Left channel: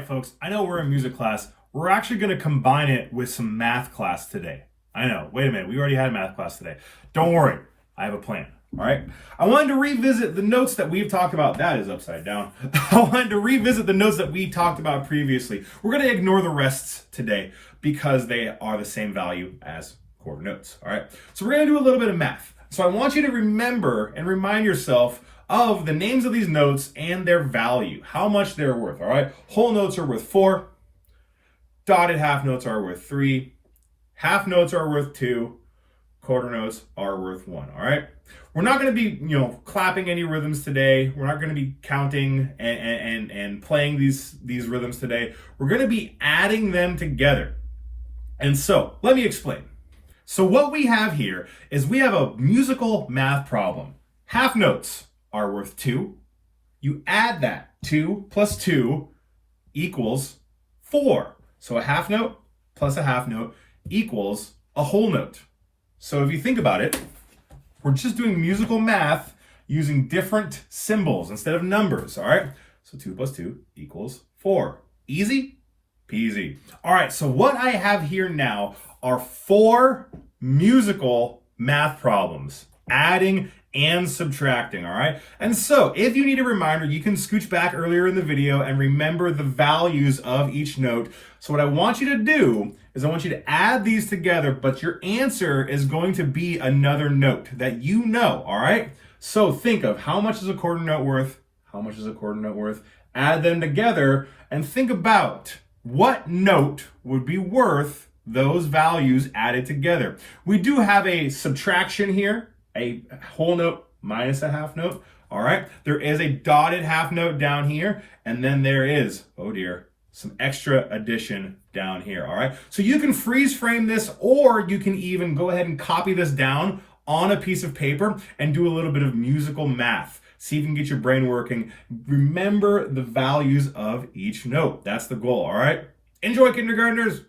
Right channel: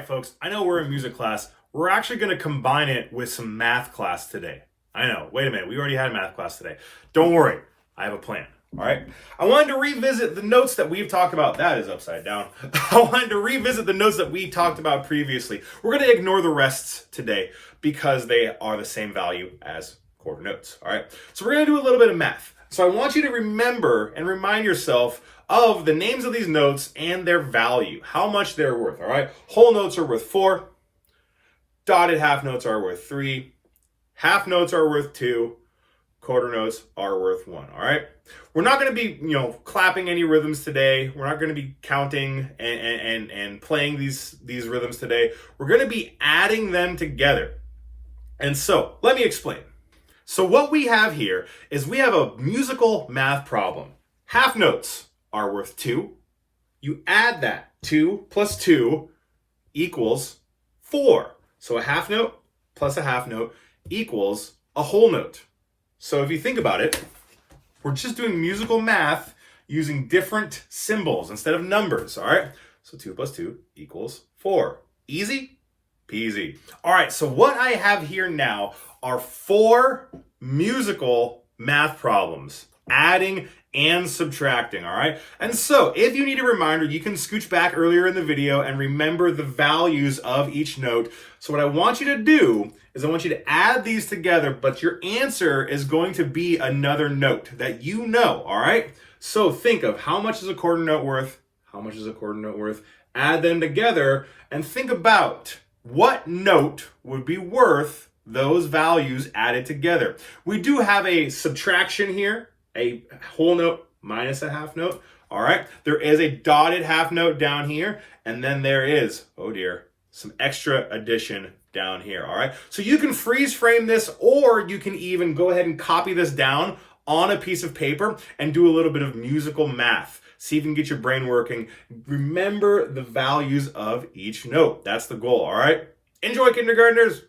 right, folks, I know we're in music class. We're actually going to combine it with some math class today. I know, wait a minute, we already had math class today. Don't worry, I have a plan, all right? I wanted to revisit the notes that we've talked about. That is upside down. I wanted to revisit the notes that we talked about previously. We're going to ignore the rests today because they are the same value as quarter notes, all right? So we're going to do a little bit of math. So I want you to remember and remind yourself of the names of these notes and their value, how much they're worth, all right? Whole notes are worth 4, dotted half notes are worth 3, half notes are worth 2, quarter notes are worth 1, all right? We're not going to be, clapping any rhythms today. We're not going to be counting and playing these rhythms today. We're going to be adding them together. And so, let me explain. So what we have here is we have a musical math problem. Half notes are worth 2. You add that, 2 plus 2 equals 4. So a half note plus a half note equals a whole note. So if you think about it, we're just doing musical math using different symbols instead of numbers, all right? So 2 plus 2 equals 4. Easy peasy. All right, so what I have here now are 4 musical math problems, adding and subtracting, all right? And so if you need a reminder, you can scooch back earlier in the video and remember the values of each note. So what I want you to do is I want you to add these together, but your answer is going to be another note that you know, all right? So think of how much is a quarter note worth, how much is a quarter note worth, add them together, and think about what note would be worth those values added together. We do have a subtraction here, a whole note minus a half note, all right? There is a dotted half note down here, and then there is, oh dear, some extra addition down here, all right? So you can freeze frame this, or you can even go ahead and copy this down on a piece of paper and do a little bit of musical math. See if you can get your brain working. Remember the values of each note. That's the goal, all right? Enjoy, kindergartners.